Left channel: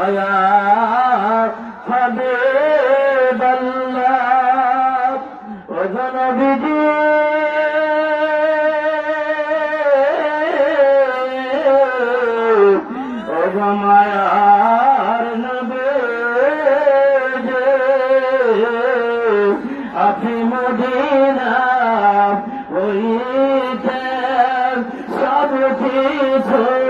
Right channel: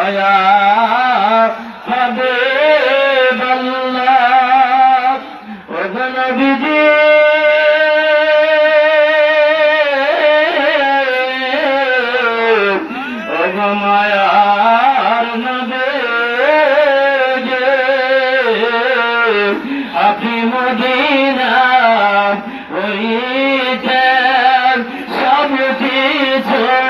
দয়া হবে বল্লা। বিজি মায়ার নবে আপনি মদিনা ওই সব কিছু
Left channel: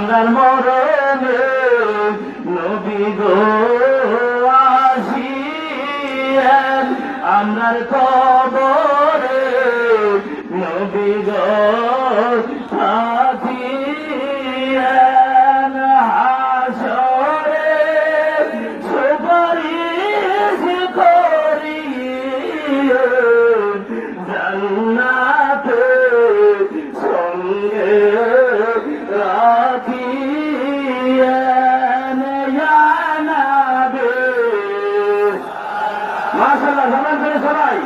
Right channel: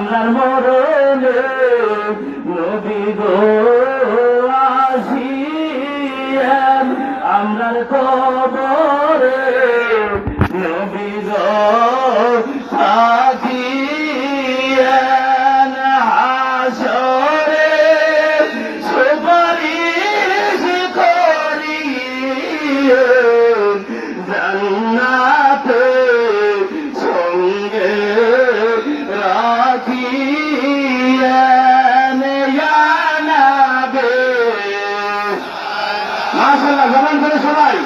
আমরা মরণে নবী গো আসিয়ান আমরার কবরে নবী গো না আসলে গভর্নমেন্ট সবাই